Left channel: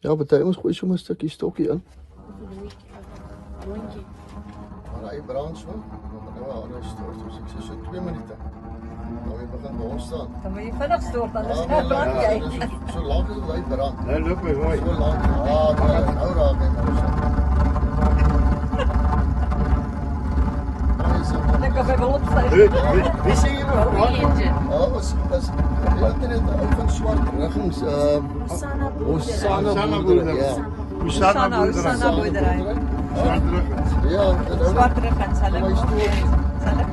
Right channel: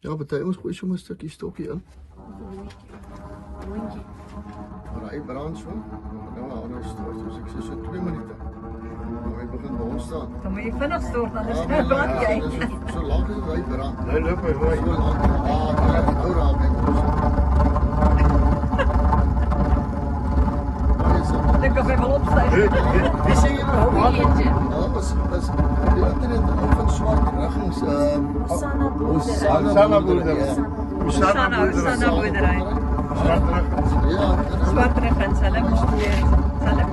Ja, party ons gooi sommer 'n stukkie stokkie in. Rondjie. En hy brand so. Nou 'n ander stort, soos ek sê, so 2 minute. Nou hy begin brand staan. Dan moet jy vinnig stop, anders maar brand jy. So lank as hy brand. Nou loop hy mooi. So lank. Nou raak dit. Dan kan jy wel opstaan. Wie sê jy nou? Nou was die internet van swart liggings Osana boerdery. Osana boerdery. Ja, Swart rig en hulle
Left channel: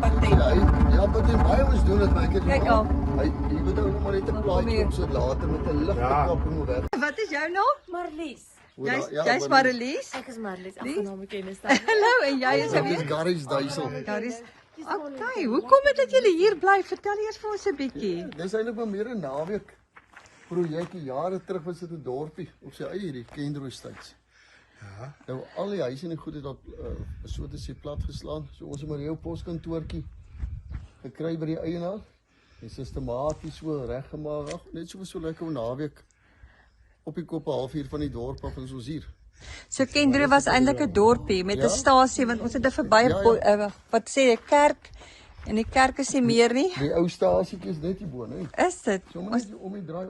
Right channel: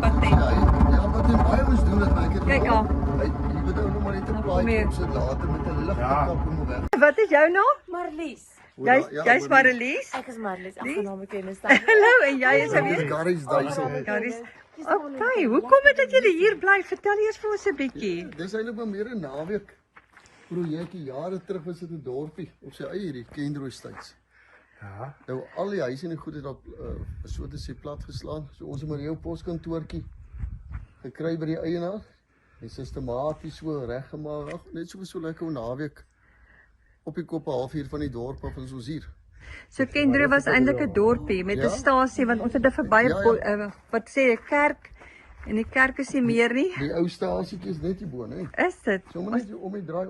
patent. ja, maar die baie ons doen dit net. Kyk al. Jy moet ook maar net 'n plaatjie opsit later met 'n ligkop om weg. Wat is jou naam? Marlies. Jy's Marlies. Ek is Marlies, ek gaan hom ken. Hallo, en jy is weer? Garies duisel. Garies. Okay, hoe kom dit dat julle hier bly? Vertel eers vir ons 'n bietjie. Dis eintlik maar meer 'n naweek projekkie. Jare terug was dit 'n dorpie op sy eie hierdie Kendrooistyds. Ja. Nou al die huise in die goed het op so te sê plat geslaan. So ons het maar jou poskantoortjie gekry by die eienaar en sistematies so reggemaak. Net so lekker 'n naweek op die kop 'n halfuur van die dorp af en soos hier. So Kendro was eintlik 'n dorpie met 'n Ja. stasie want ons het 'n verby wat sê 'n kerk en die kerk is nie meer nie. Die ou stasietjie is net hier bo, né? Is dit? Sommer net om die draai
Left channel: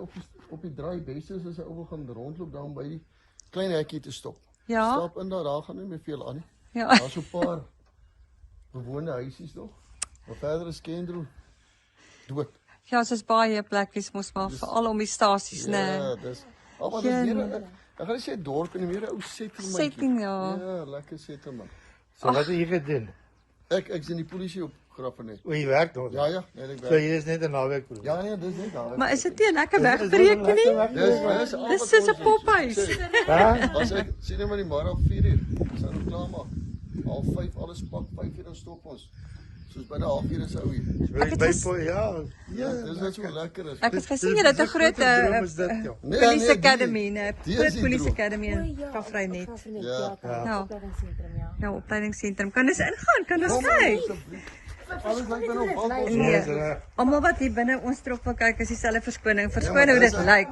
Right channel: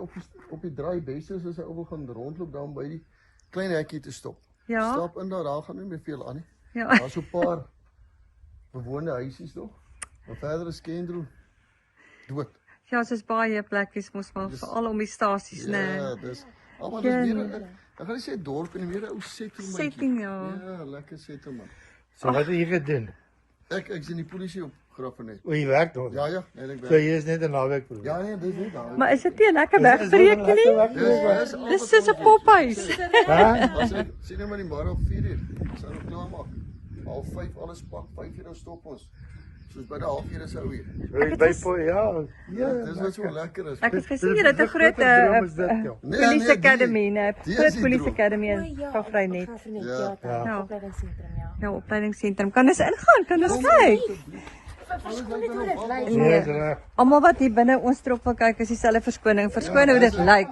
op die draai beste is as hy ou wil gaan rondloop dan by die klein hekkie te stop. Ja. Stap in daar gaan nie meer veel aan nie. Ja. Daar's so 'n paar bewoonde huisies nog. Maar verder is Kendro dood. Ja, soos baie plekkies mos maar veral om die stasies, né? Ja, dis maar Ja, dis nee. meer ek gaan nie sê dorp en meer 'n ou settlement. Setting, ja. Ja, lekker settlement. So wat jy vir doen? Ek sien die polisie op Grafenet. O, jy werk nog. Ja, net ek So werk. jy is net 'n naweek. Ja, nee, dis net daar. Maar is dit nie 'n lekker wegbreek nie? Dis soos 'n pophuis. As ek sien net maar die môre op 4:00. Sou ons klaar maak. 4:30 alles pak, 5:00 dan stop ons. Soos by die halfuur is ou hier. Ek het Ja, dis wat so lekker is. Ek het gesien julle het 'n groot police academy, 'n groot police academy in Gavrynet. Ja. Ja. Nou opleidingsentrum. Kan ons ingaan? Kan ons kyk? Alles lyk dan op. Nee. Almal wat hier binne ons trop wil kyk is dieselfde verskoning. Verskoon hoe dit lyk.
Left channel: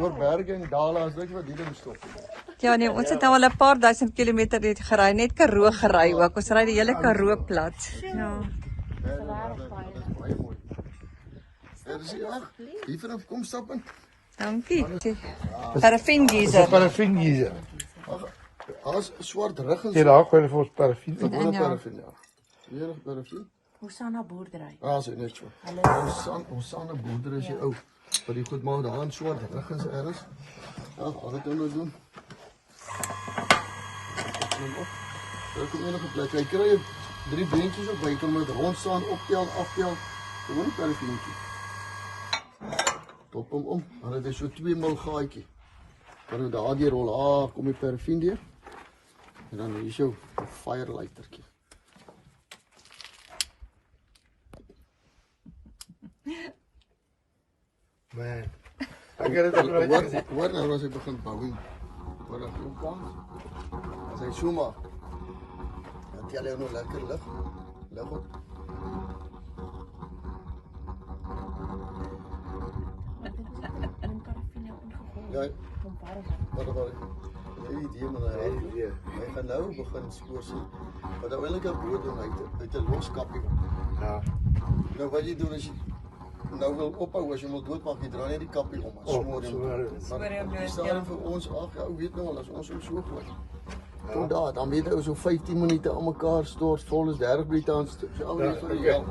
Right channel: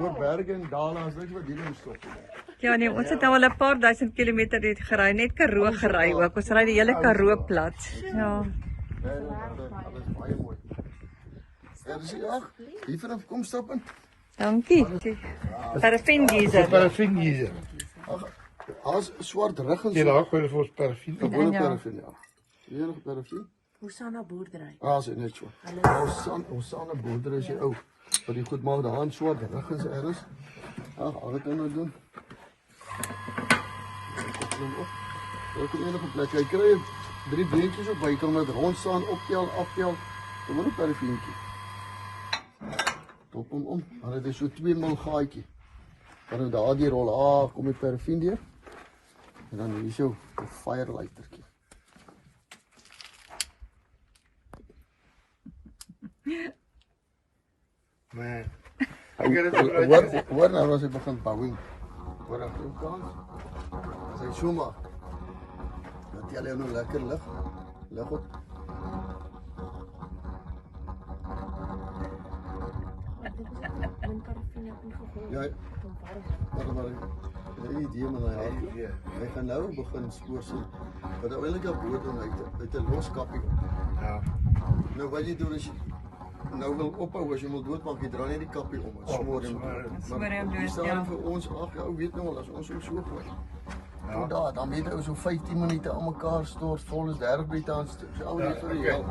Oor berge en dale as dit wat hierdie stop. Ja nee, ons het nou al 'n paar duisend kilometer dit gery, net Karoo gery ook. Ons ry die hele Karoo plat. Ja. Baie mooi. Ja, dis ja. Hier vanaf kom stap in. Dankie. Paraffin geyser. Parafin hier. Alles swart rug en Jy raak hulle vir ons parafin. Gewone Ja. parafin, ja. Enige parafin? Osana boerdery. Sê net so. Ons aan 'n boerdery is ou. Wat die goed maak, daar in swart rug is ergens. Al wat nou doen. Neem op. Dit kom enige plek. Jy kry 3 beentjies op, jy kan met rond staan, optel, aftel. Gewoon 'n parafientjie. Top hom om. Dan het hy so 2 mil gaatjie. Kan jy daardie rol kom die parafin deur. En dan hier so 'n firelightertjie. Man. Hoor nou as dit begin bou. Hoor dan hoe kans. As hy so maak. Dan tel jy nou lekker lig. Lig op. Ja. Maar die idee met hy gaan nou begin spoor sien. Wat nou eintlik 'n boot doen uit 'n los kappie. Ja. Nou wat jy doen is nou wil ophou as jy wil doodmaak, jy draai net die kappie om. Smoor hom. Smoor hom dood, Stel ja. vir ons ag, ou weet nou al as ons so bly. Tot daar, dan weet ou so 15 minute aan mekaar stort vol is 30 minute aan stuk. So almal ja.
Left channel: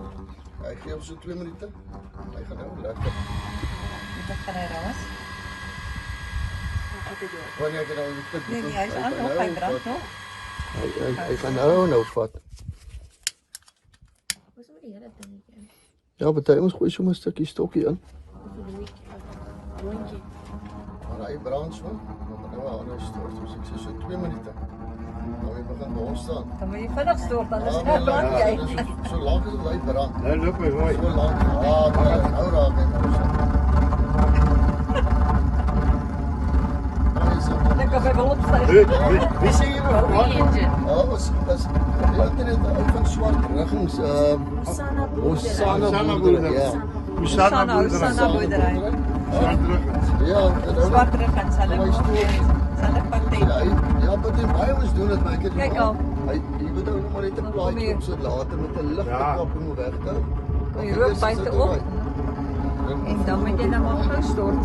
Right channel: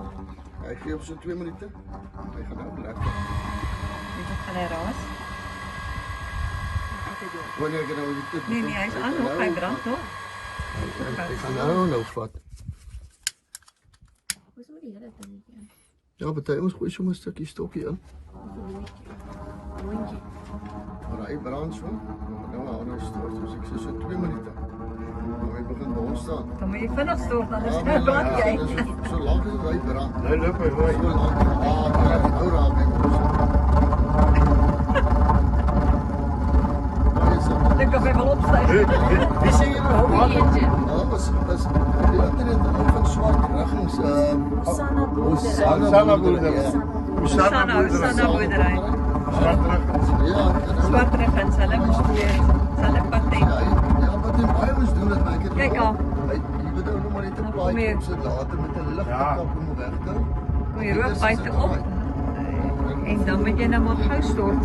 Hy gee op so 2 minute. Hy gaan nou lekker. Gaan hy raas? Wanneer ek nou die tip. Nee, hy is aan nog, hy brand nog. Hy gaan nou vat. Wat is die hele dingetjie? Ja, party ons gooi sommer 'n stukkie stokkie in. Rondjie. En hy brand so. Nou 'n ander stort, soos ek sê, so 2 minute. Nou hy begin brand staan. Dan moet jy vinnig stop, anders maar brand jy. So lank as hy brand. Nou loop hy mooi. So lank. Nou raak dit. Dan kan jy wel opstaan. Wie sê jy nou? Ja, was die internet van swart liggings Osana Osana boerdery. Ja. Osana Osana boerdery. Swart rug. Ja, swart rit dan sal ek sal ek patent. Ja, wat die baie mens doen dit, maar ek het Kyk al. Jy moet ou maar net 'n Nog plaatjie meer. op sit later met 'n lig Ja. kop om weg te. Jy rook buite op en dan moet jy nou maar gou stort.